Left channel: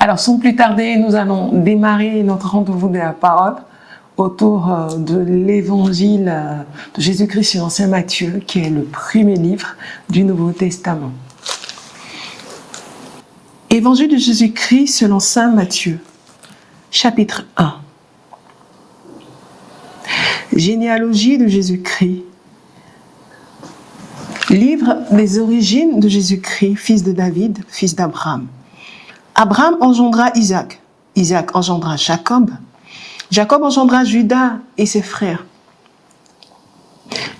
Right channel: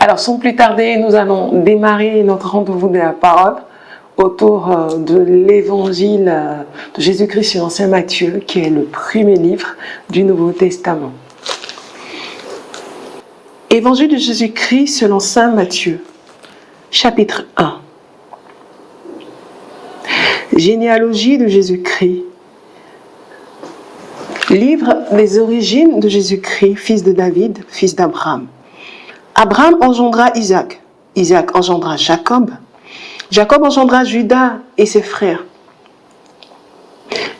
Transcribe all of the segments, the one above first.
Alors, sans plus tarder, nous allons démarrer notre rendez-vous de la parole autour de l'évangile de Jésus-Christ selon saint Matthieu, qui est le premier livre du Nouveau Testament. Évangile de Jésus-Christ selon saint Matthieu, chapitre 1. Généalogie de Jésus-Christ. Livre des origines de Jésus-Christ, fils de David, fils d'Abraham. Abraham engendra Isaac. Isaac engendra Jacob. Jacob engendra Judas et ses frères.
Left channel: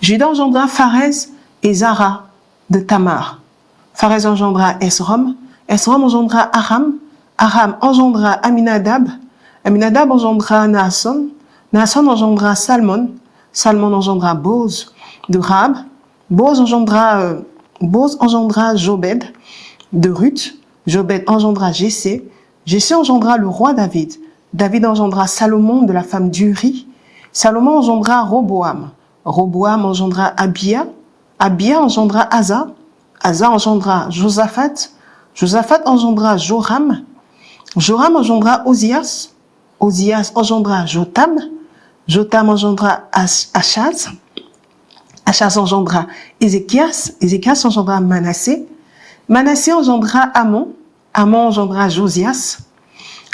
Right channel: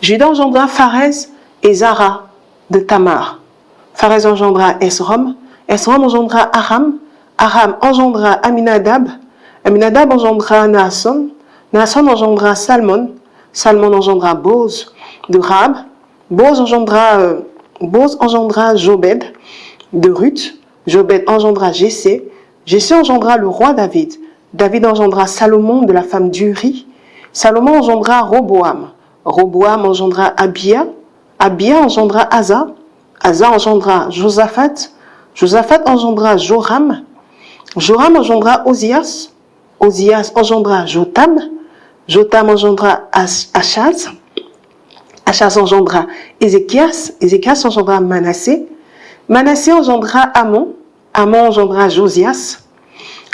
Judas engendra Pharez et Zara de Tamar. Pharez engendra Esrom. Esrom engendra Aram. Aram engendra Aminadab. Aminadab engendra Naasson. Naasson engendra Salmon. Salmon engendra Boz de Rab. Boz engendra Jobed de Ruth. Jobed engendra Jessé. Jessé engendra le roi David. David engendra Salomon de la femme d'Uri. Salomon engendra Roboam. Roboam engendra Abia. Abia engendra Asa. Asa engendra Josaphat. Josaphat engendra Joram. Joram engendra Ozias. Ozias engendra Jotam. Jotam engendra Achaz. Achaz engendra Ézéchias. Ézéchias engendra Manassé. Manassé engendra Amon. Amon engendra Josias.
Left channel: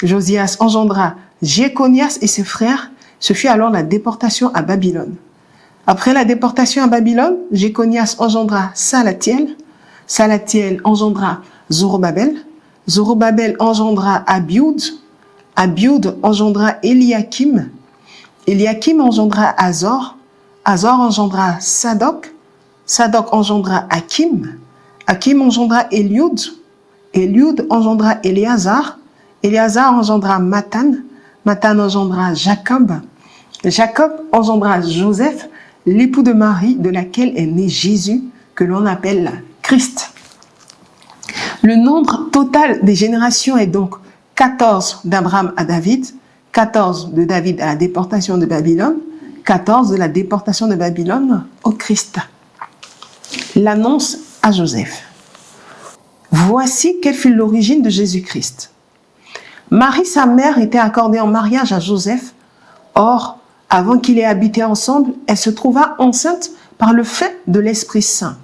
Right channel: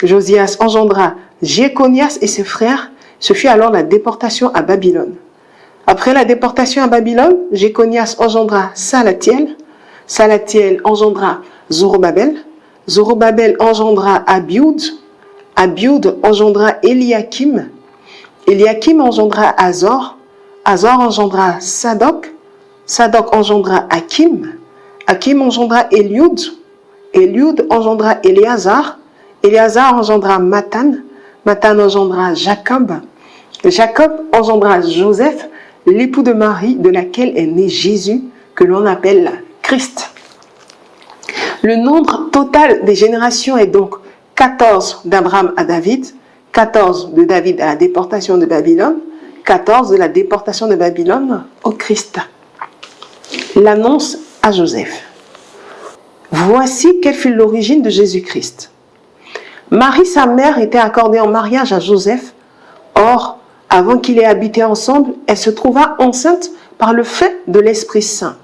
Josias engendra Jéconias et ses frères. Ce fut alors la déportation à Babylone. Après la déportation à Babylone, Jéconias engendra Salatiel. Salatiel engendra Zorobabel. Zorobabel engendra Abioud. Abioud engendra Eliakim. Eliakim engendra Azor. Azor engendra Sadok. Sadok engendra Hakim. Hakim engendra Eliud. Eliud engendra Éléazar. Éléazar engendra Matan. Matan engendra Jacob. Jacob engendra Joseph, l'époux de Marie, de laquelle est né Jésus, que l'on appelle Christ. Le nombre total des générations est donc 14 d'Abraham à David, 14 de David à la déportation de Babylone, 14 de la déportation de Babylone au Christ. L'annonce à Joseph. Voici quelle fut l'origine de Jésus-Christ. Marie, sa mère, était accordée en mariage à Joseph. Or, avant qu'ils aient habité ensemble, elle se trouva enceinte par le fait de l'Esprit Saint.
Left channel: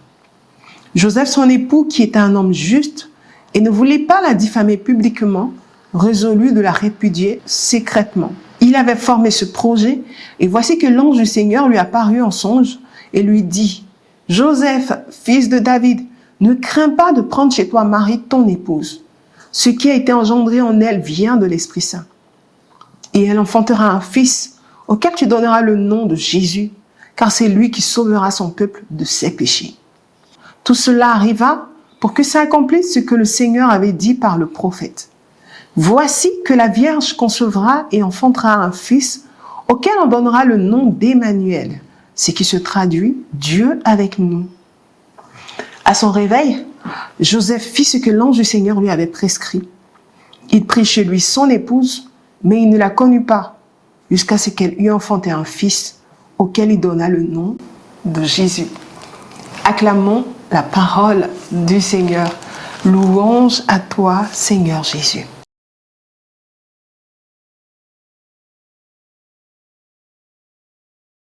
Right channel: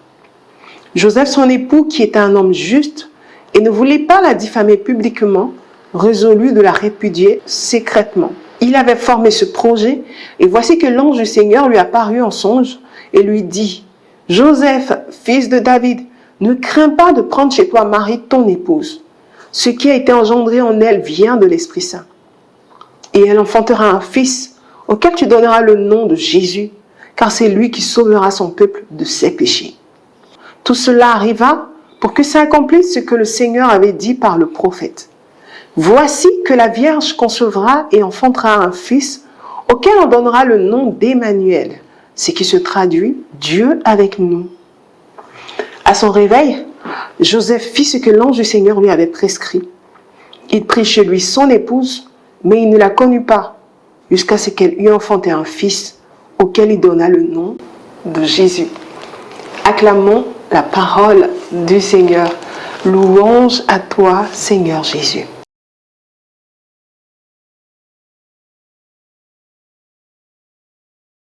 Joseph, son époux, qui était un homme juste et ne voulait pas la diffamer publiquement, résolut de la répudier secrètement. Il avait formé ce projet et voici que l'ange du Seigneur lui apparut en songe et lui dit « Joseph, fils de David, ne crains pas de prendre chez toi Marie, ton épouse. Ce qui a été engendré en elle vient de l'Esprit Saint. Et elle enfantera un fils auquel tu donneras le nom de Jésus, car c'est lui qui sauvera son peuple de ses péchés. » Tout cela arriva pour que s'accomplisse ce que le Seigneur avait dit par le prophète. « Voici que la Vierge concevra et enfantera un fils auquel on donnera le nom d'Emmanuel, ce qui se traduit « Dieu avec nous ». À son réveil, Joseph fit ce que l'ange du Seigneur lui avait prescrit. Il prit chez lui son épouse, mais il ne la connut pas, jusqu'à ce qu'elle eût enfanté un fils, auquel il donna le nom de Jésus. Acclamons la parole du Seigneur. Louange à toi, Seigneur Jésus.